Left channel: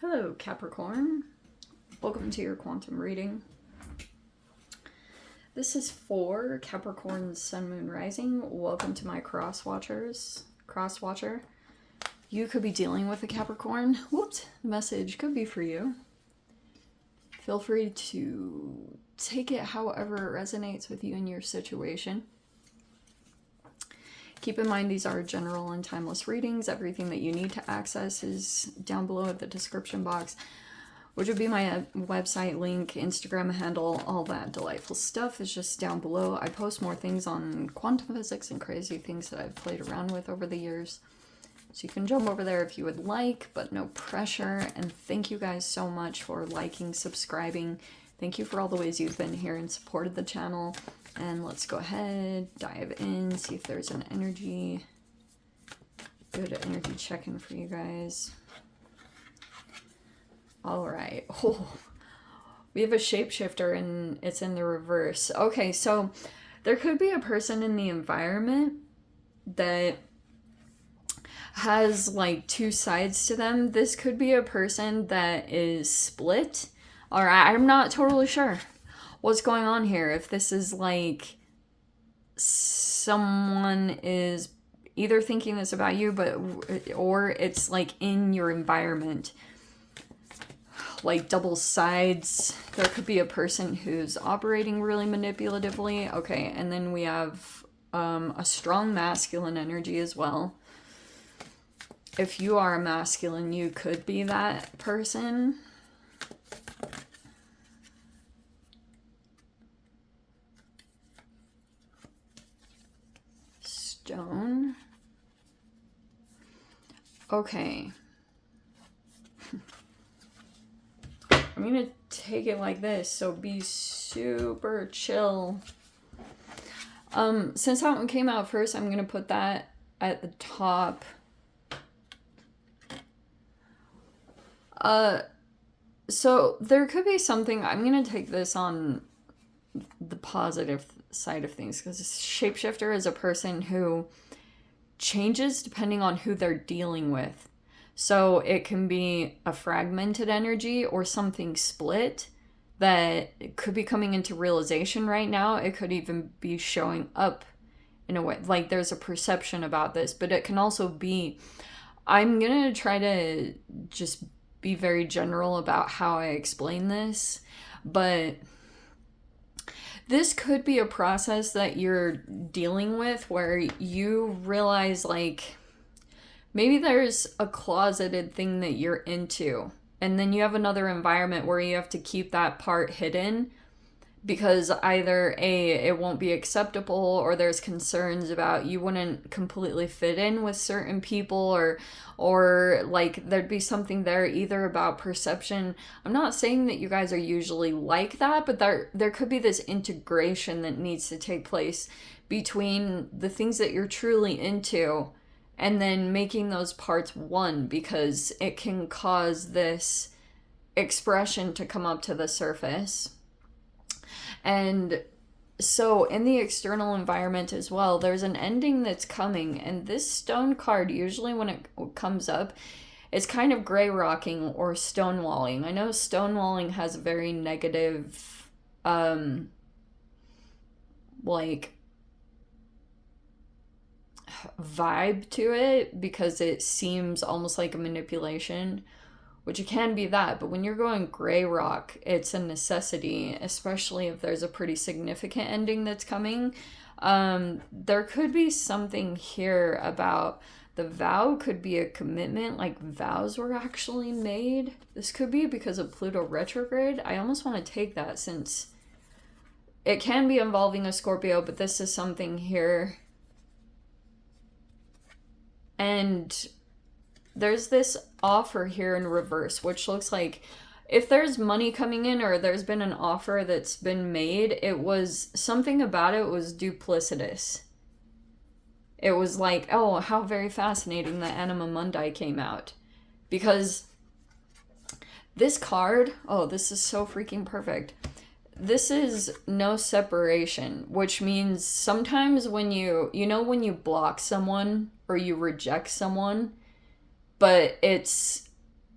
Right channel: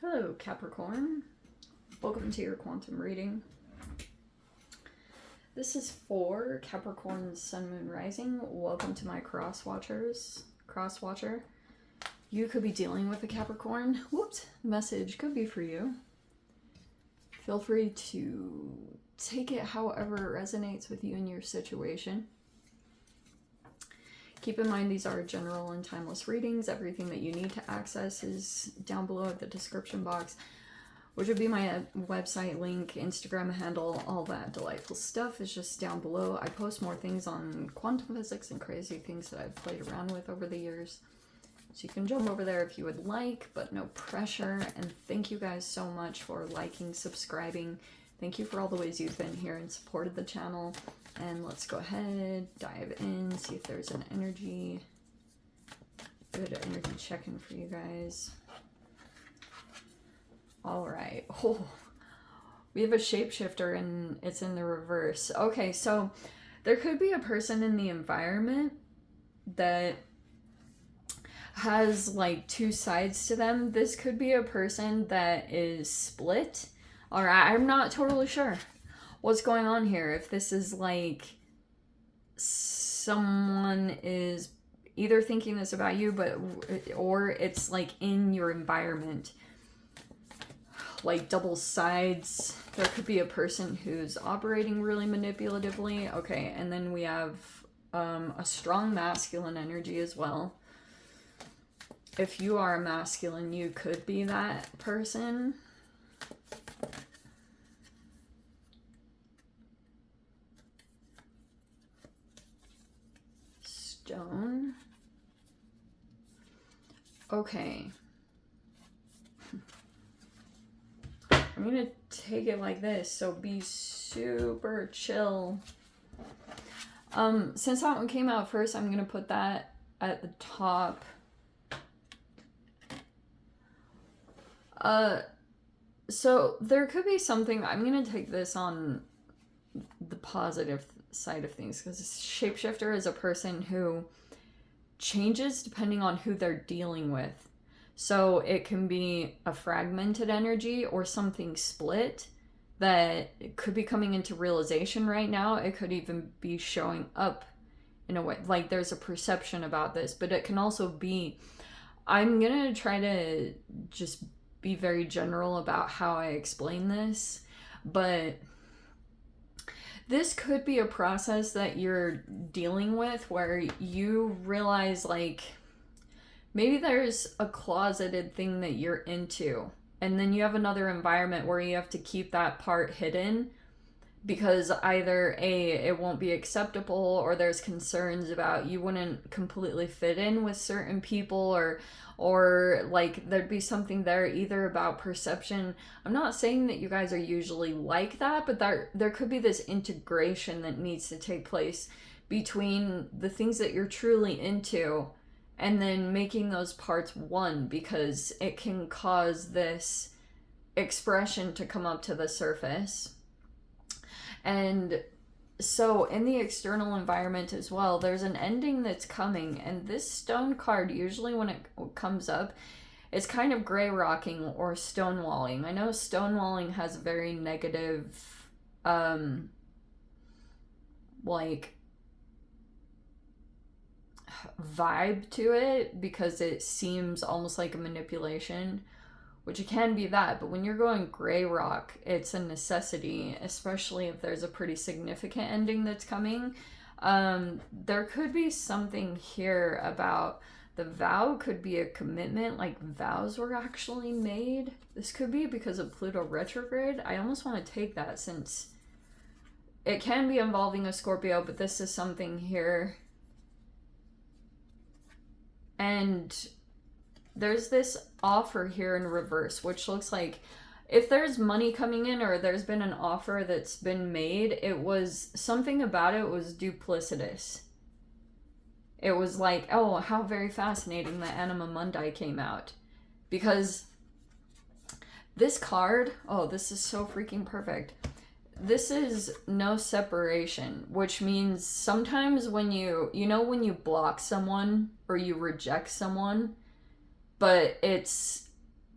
Hello, Capricorn. Welcome to your quantum reading. This is for Capricorn Sun, Moon, Rising. Welcome to my cross-watcher. You could be dealing with a Capricorn. Whoops, the message could be for you. Feel free to take it however it resonates with you in your situation. Keep in mind these are general and timeless readings. Everything that you need to access is down below at the description box, which would be my website link, Instagram handle, all that delightful stuff is just down below. I post more things on quantum physics and crazy things that I've played around with over the years. So you can jump over there if you would like, but no pressure. And thank you guys so much for liking, subscribing. Thank you for all the ways you've been here and supported the channel. And let's go ahead, dive in, see if there's an energy, good energy check-in for you guys. All right. Oh, we have a shapeshifter and it's in the reverse. Okay, so there could be a person in the environment that has like two sides to them. This could be a person that is split. All right, I'm not totally sure what's going on here. If this is like someone is either thinking this about you, or it's like in your environment, like double sides. There could be a person who's operating really manipulatively. Okay, and then we have a strong masculine energy as well. If you are a masculine, you could be that person. Stone. Okay. I'm gonna take it like this, so be super chill. Since that one came out first, I'm gonna put that at the top. So there could be something, I'm gonna take this on the positive side of things, because shapeshifter is a person who changes depending on who they're dealing with. So it can be a fragmented energy or something split that could be coming into realization right now. It could even be showing up in a way, like there's a perception about this, but it can also be, I'm gonna try to just be very general about how I explain this, but this could be a process that you're dealing with where you realize like maybe there's a closeted thing that you're into, and then you have another environment where you have to keep that part hidden because either A, it won't be acceptable, or there's concerns about you wouldn't completely fit in with certain people, or like there'd be something there either about perception. I'm not saying that you guys are usually like that, but there could be this integration that needs to take place between the things that you're truly into and then making those parts one, because it can cause this expression to come up to the surface. And so in the external environment as well, there's an ending that's coming, and this stone card, usually when it comes up, it's kind of gray rocking or stonewalling. I know stonewalling has a very negative like vibe to it, because it seems almost like a manipulation, which it can be that, but when you're going gray rock, it's a necessity, especially if there's a pretty significant ending that's coming. There could be something here about the vow could be a commitment, like vows were actually made. This could be because of Pluto retrograde. I almost want to take that, since it can be involving a Scorpio, but this is something here. And there's this offer here in reverse, which looks like if there's money coming in or there's been an offer that's been made, it was something about it was duplicitous. It was like, oh, how very fascinating that Anima Mundi came out. Because this card, oh, this is so freaking perfect. This is no separation, which means sometimes when when you block someone or you reject someone, but it's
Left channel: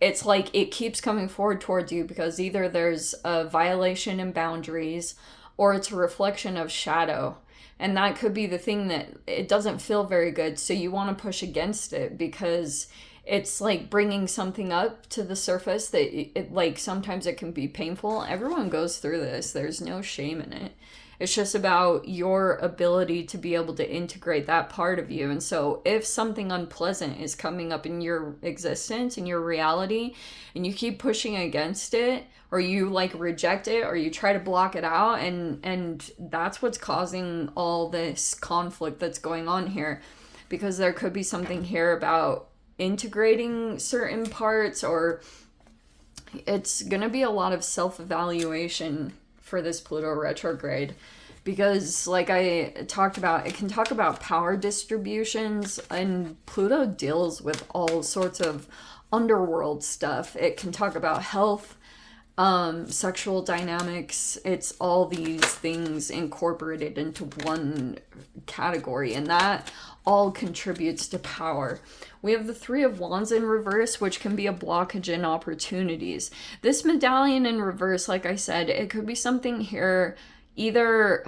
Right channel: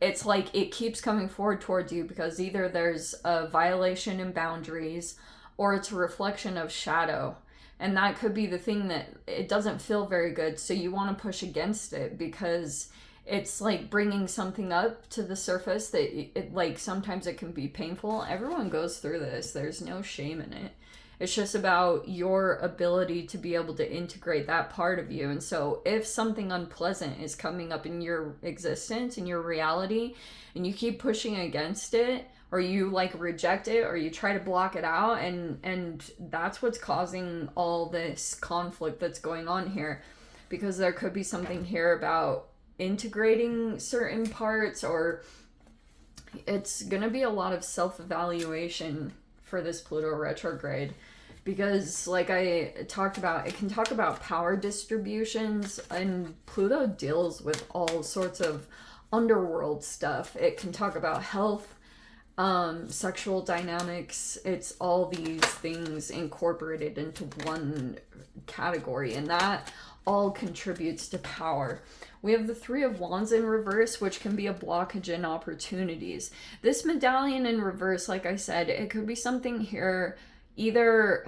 it's like it keeps coming forward towards you because either there's a violation in boundaries or it's a reflection of shadow. And that could be the thing that it doesn't feel very good. So you want to push against it because it's like bringing something up to the surface that like sometimes it can be painful. Everyone goes through this. There's no shame in it. It's just about your ability to be able to integrate that part of you. And so if something unpleasant is coming up in your existence, in your reality, and you keep pushing against it, or you like reject it, or you try to block it out, and that's what's causing all this conflict that's going on here. Because there could be something here about integrating certain parts, or it's going to be a lot of self-evaluation for this Pluto retrograde, because like I talked about, it can talk about power distributions, and Pluto deals with all sorts of underworld stuff. It can talk about health, sexual dynamics. It's all these things incorporated into one category, and that all contributes to power. We have the Three of Wands in reverse, which can be a blockage in opportunities. This medallion in reverse, like I said, it could be something here, either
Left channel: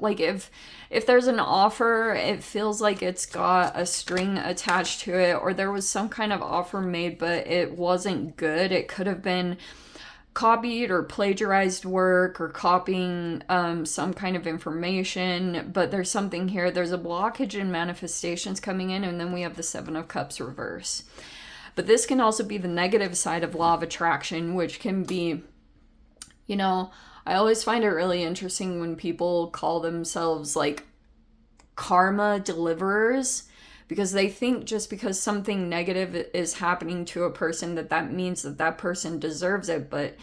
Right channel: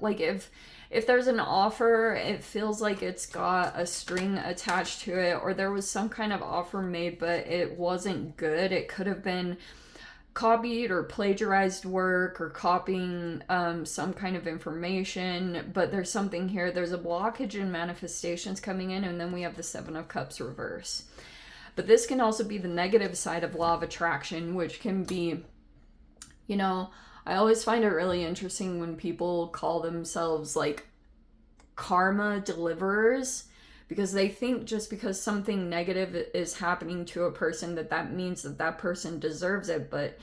like if there's an offer, it feels like it's got a string attached to it, or there was some kind of offer made, but it wasn't good. It could have been copied or plagiarized work, or copying some kind of information, but there's something here. There's a blockage in manifestations coming in, and then we have the Seven of Cups reverse. But this can also be the negative side of law of attraction, which can be, you know, I always find it really interesting when people call themselves like karma deliverers, because they think just because something negative is happening to a person that means that person deserves it. But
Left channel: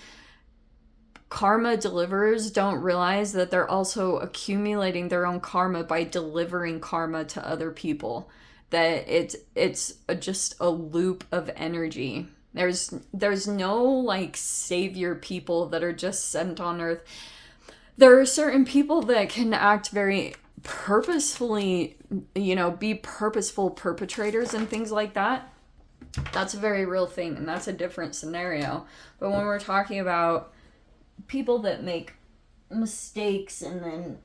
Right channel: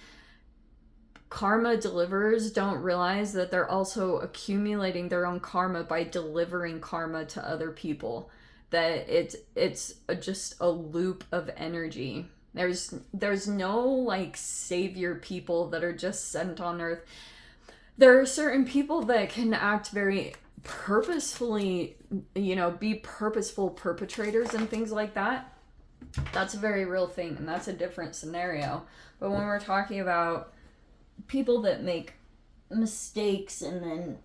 karma deliverers don't realize that they're also accumulating their own karma by delivering karma to other people, that it's just a loop of energy. There's no like savior people that are just sent on earth. There are certain people that can act very purposefully, you know, be purposeful perpetrators and things like that. That's a very real thing, and that's a different scenario. But when we're talking about people that make mistakes and then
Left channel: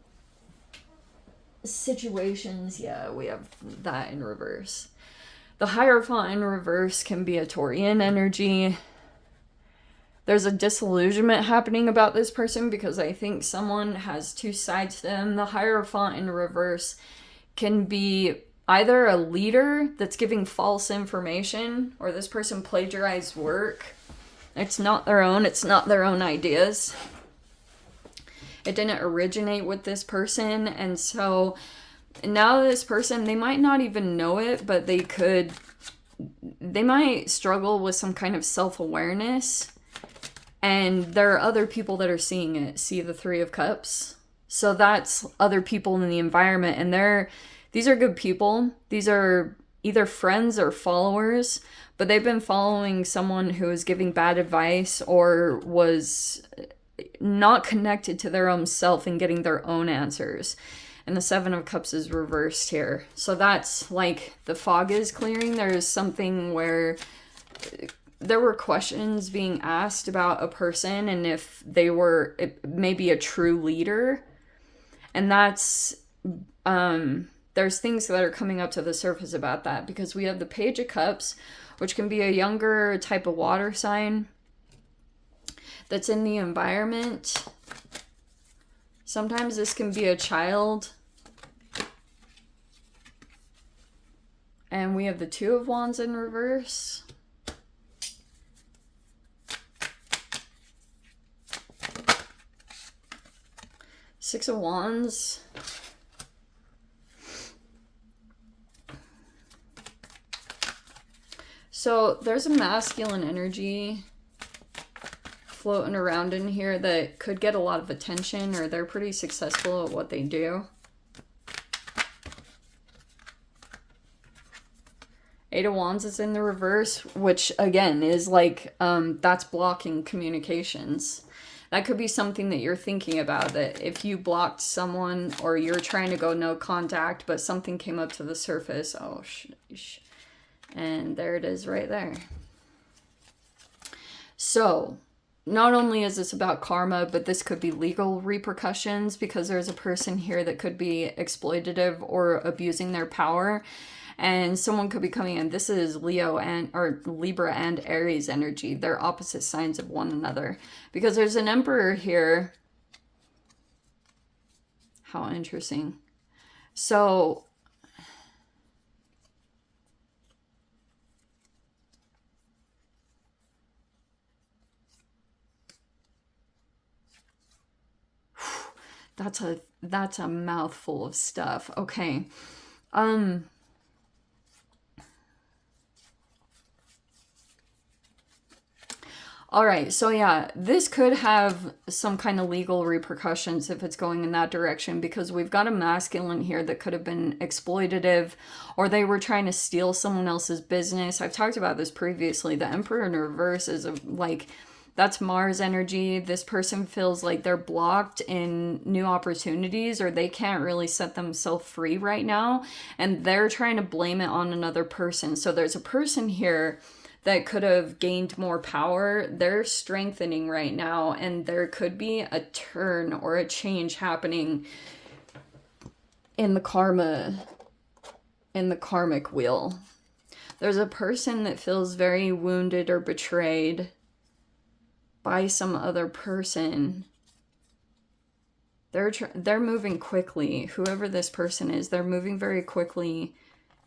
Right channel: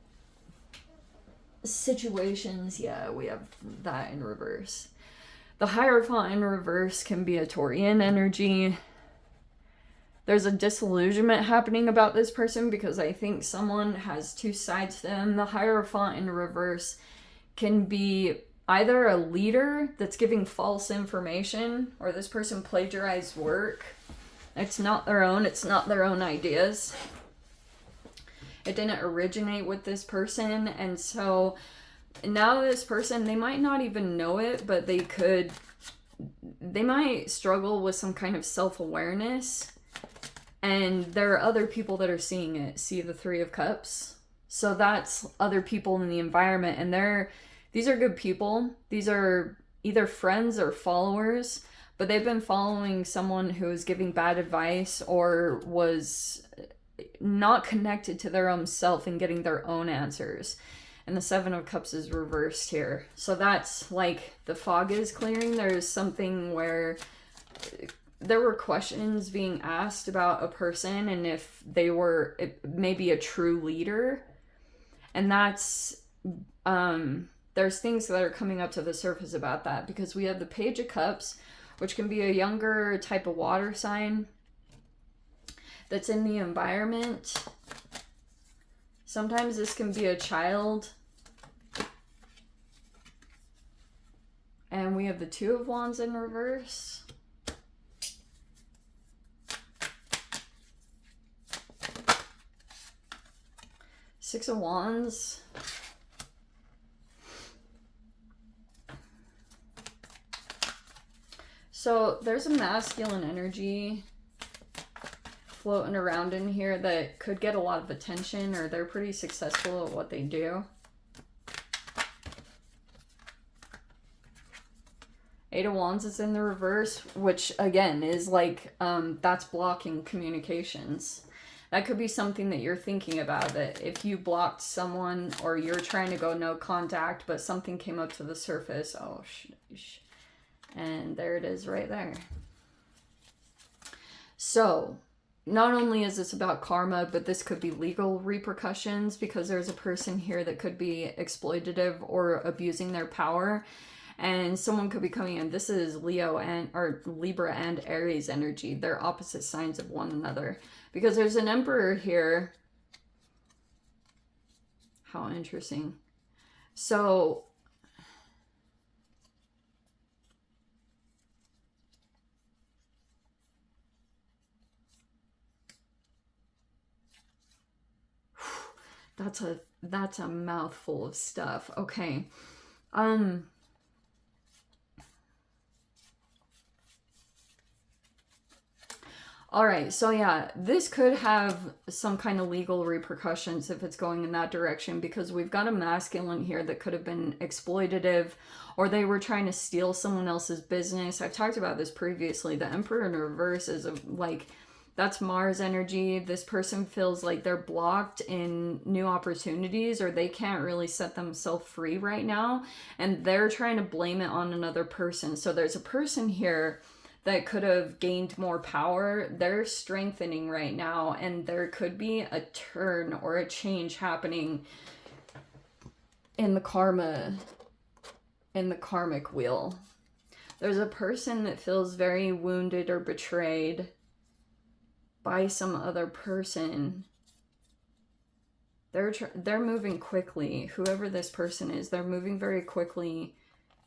situations, yeah, we have that in reverse. The Hierophant in reverse can be a Taurian energy. There's a disillusionment happening about this person because I think someone has two sides to them. The Hierophant in reverse can be either a leader that's giving false information, or this person plagiarized work. It's not their own. It's not their own ideas. It didn't originate with this person. And so now this person, they might not even know it, but they might struggle with some kind of self-awareness. And there are other people that are seeing it. See the Three of Cups? So that's other people in the environment. And these are good people. These are either friends or followers. But they've been following someone who is giving bad advice, or was not connected to their own self and getting their own answers. And the Seven of Cups is reversed here. So that's like the fog is clearing. There's something where there were questions being asked about a person and if they were maybe a true leader. And that's, there's things that are coming up to the surface about that, because we have the Page of Cups, which can be a younger type of water sign that's in the environment. Sometimes this can be a child. And we have the Two of Wands in reverse. Six of Wands. So there's a masculine energy floating around in here that could get a lot of attention, or they're pretty successful at what they do. Eight of Wands is in the reverse, which again is like, that's blocking communications. That could be something that you're thinking about, that if you blocked someone or you're trying to go no contact, but something came up to the surface. Oh, sheesh. And there it is right there. So, not only is this about karma, but this could be legal repercussions because there's a person here that could be exploitative or abusing their power. And someone could be coming in. This is Leo and or Libra and Aries energy. They're opposite signs of one another. Because there's an emperor here. How interesting. So that's a mouthful of stuff. Okay. All right, so yeah, this could have some kind of legal repercussions if it's going in that direction because we've got a masculine here that could have been exploitative or they were trying to steal someone else's business. I've talked about this previously. The Emperor in reverse is like that's Mars energy. This person feels like they're blocked in new opportunities or they can't really set themselves free right now and they're trying to blame it on another person. So there's a person here that could have gained more power. They're strengthening right now and there could be a turn or a change happening in the karmic wheel. There's a person that feels very wounded or betrayed by some other person. They're moving quickly. Whoever this person is, they're moving very quickly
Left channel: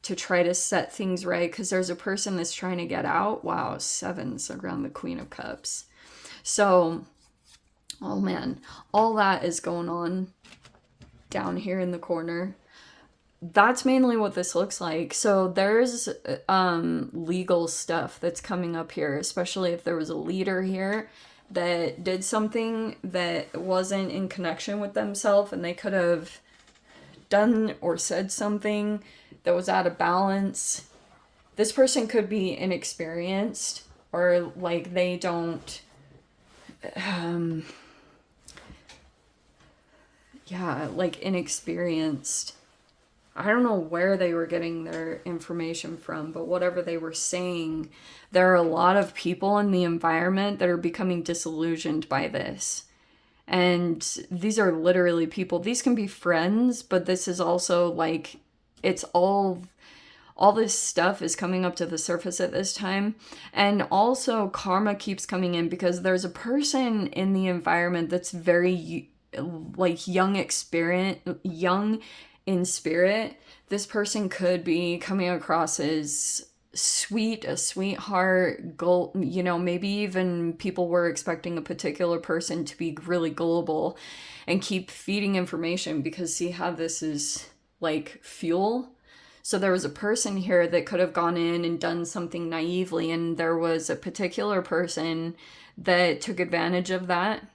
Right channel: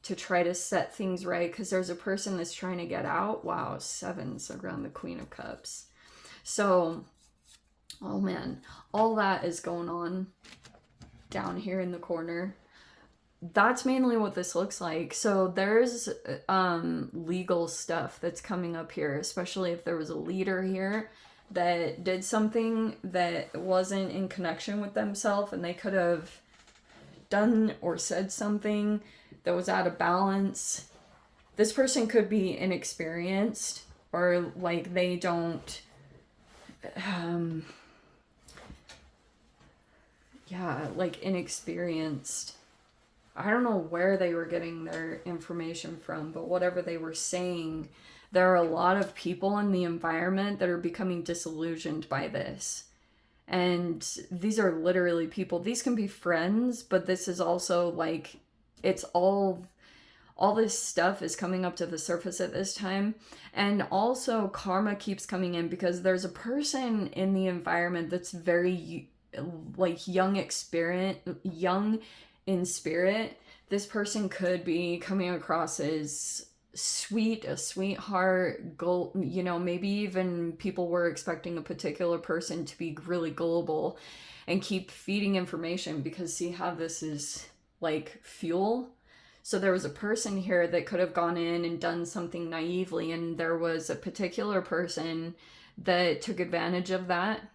to try to set things right because there's a person that's trying to get out. Wow, sevens around the Queen of Cups. So, oh man, all that is going on down here in the corner. That's mainly what this looks like. So there's legal stuff that's coming up here, especially if there was a leader here that did something that wasn't in connection with themselves and they could have done or said something that was out of balance. This person could be inexperienced or like they don't like inexperienced. I don't know where they were getting their information from, but whatever they were saying, there are a lot of people in the environment that are becoming disillusioned by this. And these are literally people. These can be friends, but this is also like it's all this stuff is coming up to the surface at this time. And also karma keeps coming in because there's a person in the environment that's very like young in spirit. This person could be coming across as sweet, a sweetheart, maybe even people were expecting a particular person to be really gullible and keep feeding information because see how this is like fuel. So there was a person here that could have gone in and done something naively and there was a particular person that took advantage of that.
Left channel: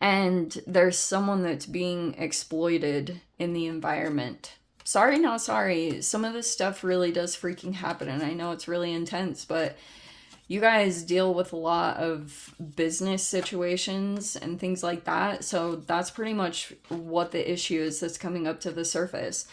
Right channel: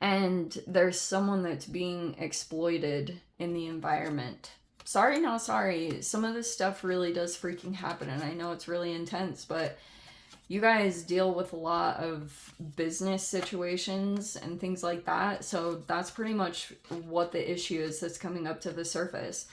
And there's someone that's being exploited in the environment. Sorry, not sorry. Some of this stuff really does freaking happen and I know it's really intense, but you guys deal with a lot of business situations and things like that. So that's pretty much what the issue is that's coming up to the surface.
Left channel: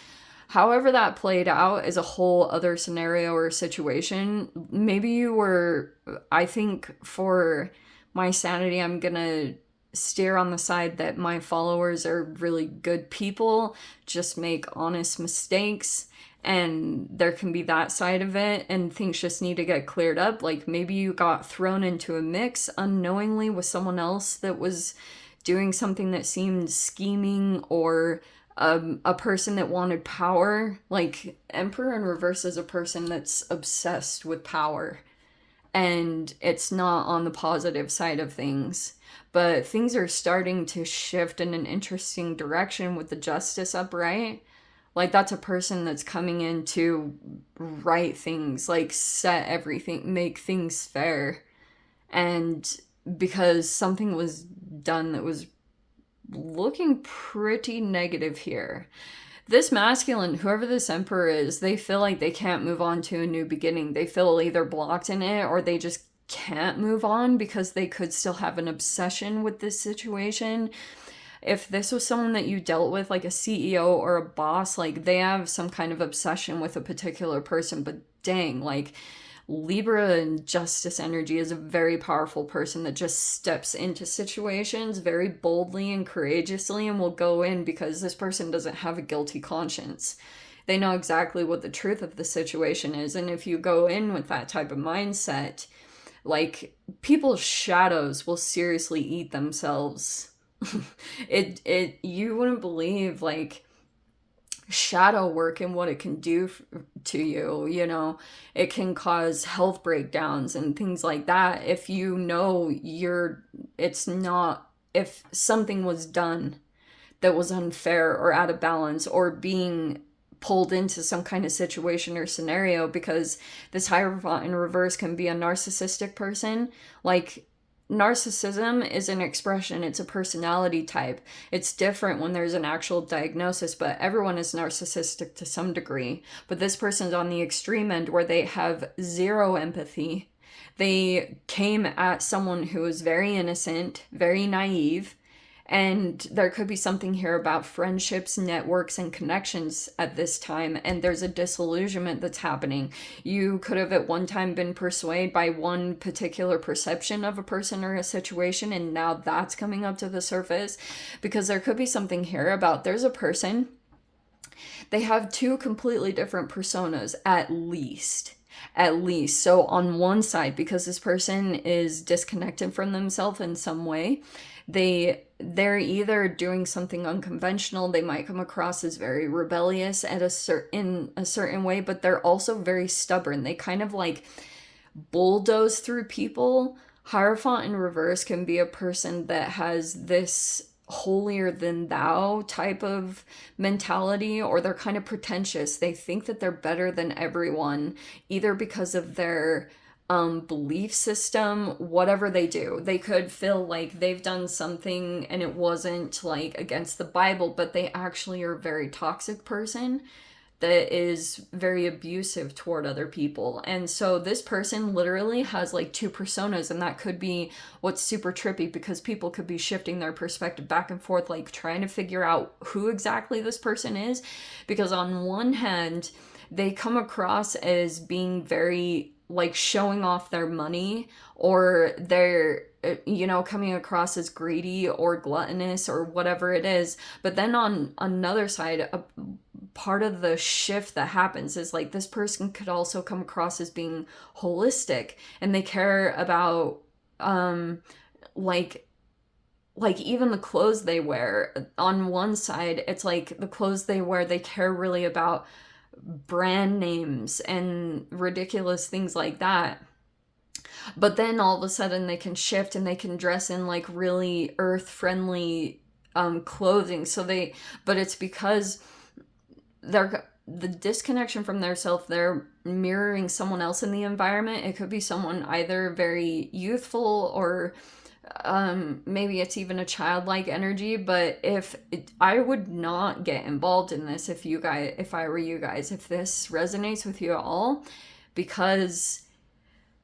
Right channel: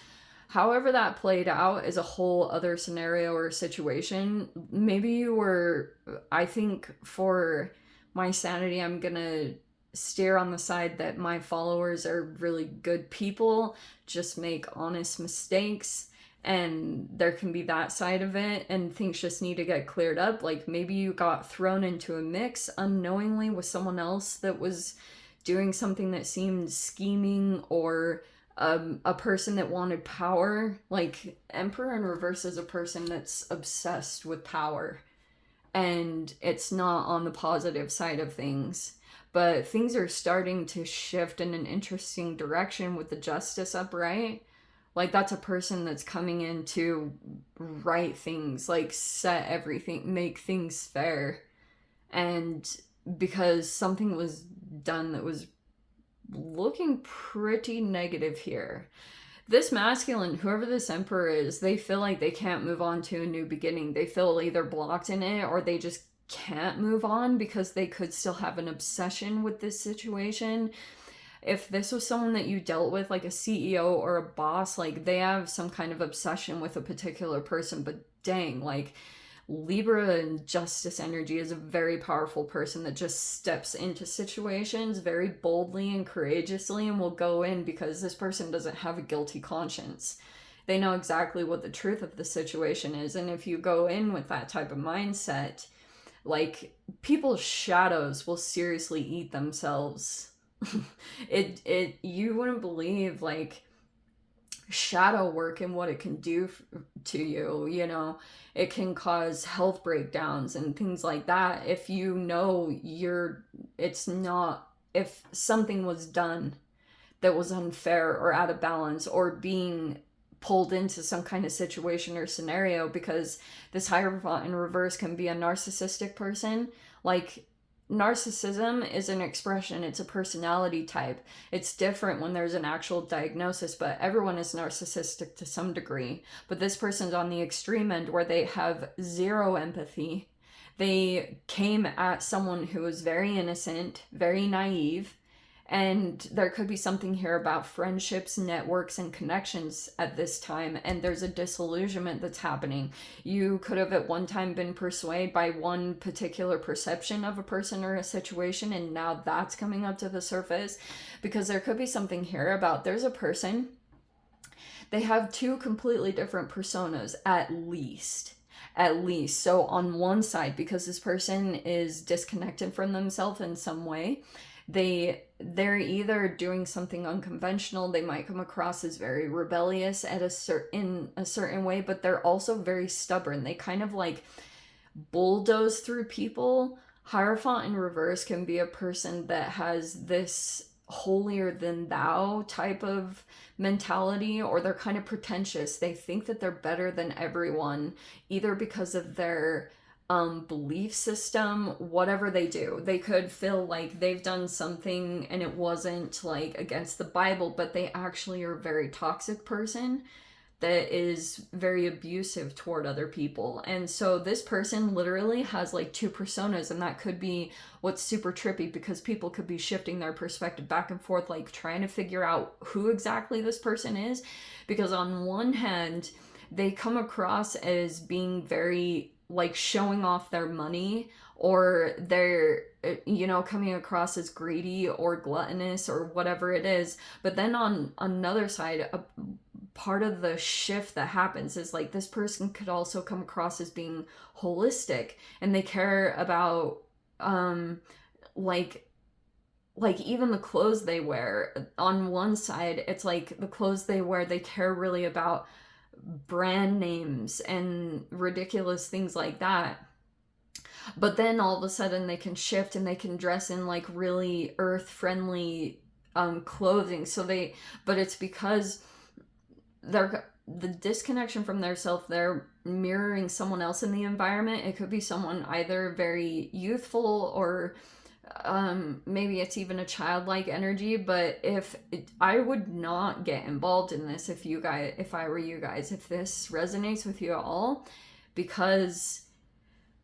However that played out is a whole other scenario or situation. Maybe you were, I think for my sanity, I'm gonna steer on the side that my followers are really good people, just make honest mistakes. And there can be that side of it and things just need to get cleared up. Like maybe you got thrown into a mix unknowingly with someone else that was doing something that seemed scheming or a person that wanted power. Like Emperor in reverse is a person that's obsessed with power and it's not on the positive side of things. But things are starting to shift in an interesting direction with the Justice upright. Like that's a person that's coming in to right things, like set everything, make things fair. And because something was done that was looking pretty negative here. This masculine, whoever this emperor is, they feel like they can't move on to a new beginning. They feel either blocked in it or they just can't move on because they could still have an obsession with this situation. If this was someone that you dealt with, like a CEO or a boss, like they have some kind of obsession with a particular person, but dang, like Libra and justice energy is a very powerful person that just steps into situations very boldly and courageously and will go in because this person doesn't have a guilty conscience. They know exactly what the truth of the situation is. And if you go in with that type of mindset, like, people's shadows will seriously eat themselves. You wouldn't believe, like, shadow work and what it can do to you, you know. It can cause health breakdowns and things like that if you know it's not, if something was done that was unfair or out of balance or being pulled into some kind of situation or scenario, because this Hierophant in reverse can be a narcissistic person. Like, narcissism is an expression, it's a personality type. It's different when there's an actual diagnosis, but everyone is narcissistic to some degree. But this person's on the extreme end where they have zero empathy. They came at someone who was very innocent, very naive, and there could be something here about friendships, networks, and connections at this time. And there's a disillusionment that's happening. You could have at one time been persuaded by one particular perception of a person or a situation, and now that's coming up to the surface. Because there could be something here about, there's a person, they have two completely different personas, at least. So on one side, because this person is disconnected from themselves in some way, they're either doing something unconventional. They might come across as very rebellious in a certain way, but they're also very stubborn. They kind of like bulldoze through people. Hierophant in reverse can be a person that has this holier than thou type of mentality, or they're kind of pretentious. They think that they're better than everyone, either because of their belief system, whatever they do. They could feel like they've done something and it wasn't like against the Bible, but they actually are a very toxic person that is very abusive toward other people. And so this person literally has like two personas, and that could be what's super trippy, because people could be shifting their perspective back and forth, like trying to figure out who exactly this person is. Because on one hand, they come across as being very like showing off their money, or they're, you know, coming across as greedy or gluttonous or whatever it is. But then on another side, a part of the shift that happens is like this person could also come across as being holistic, and they care about like even the clothes they wear. On one side, it's like the clothes they wear, they care really about brand names and ridiculous things like that. But then all of a sudden they can shift and they can dress in like really earth friendly clothing. But it's because they're the disconnection from their self, they're mirroring someone else in the environment. It could be someone either very youthful, or maybe it's even a childlike energy. But I would not get involved in this if I were you guys, if this resonates with you at all, because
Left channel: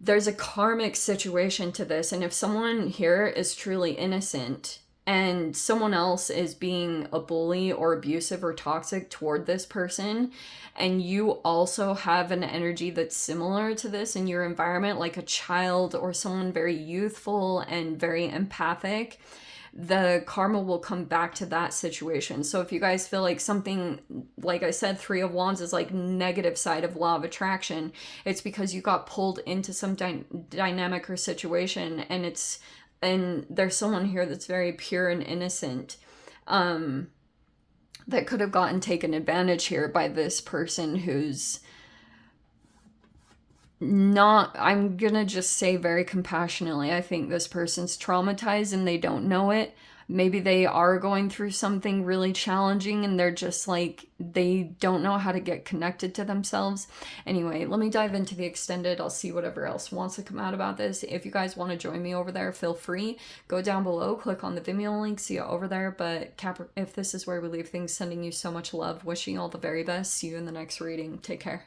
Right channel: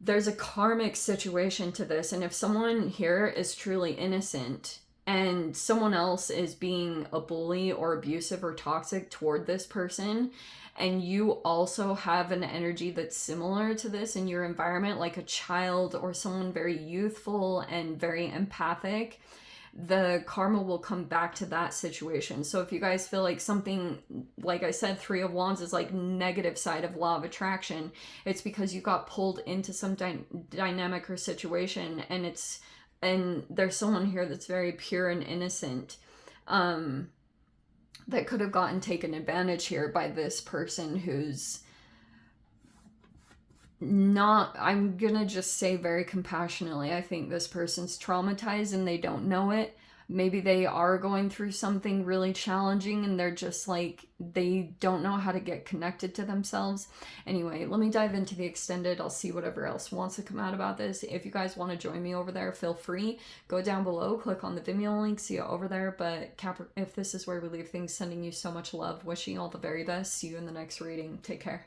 there's a karmic situation to this. And if someone here is truly innocent and someone else is being a bully or abusive or toxic toward this person, and you also have an energy that's similar to this in your environment, like a child or someone very youthful and very empathic, the karma will come back to that situation. So if you guys feel like something, like I said, Three of Wands is like negative side of law of attraction, it's because you got pulled into some dynamic or situation, and there's someone here that's very pure and innocent, that could have gotten taken advantage here by this person who's not, I'm gonna just say very compassionately, I think this person's traumatized and they don't know it. Maybe they are going through something really challenging and they're just like, they don't know how to get connected to themselves. Anyway, let me dive into the extended. I'll see whatever else wants to come out about this. If you guys want to join me over there, feel free. Go down below, click on the Vimeo link, see it over there. But if this is where we leave things, sending you so much love, wishing you all the very best. See you in the next reading. Take care.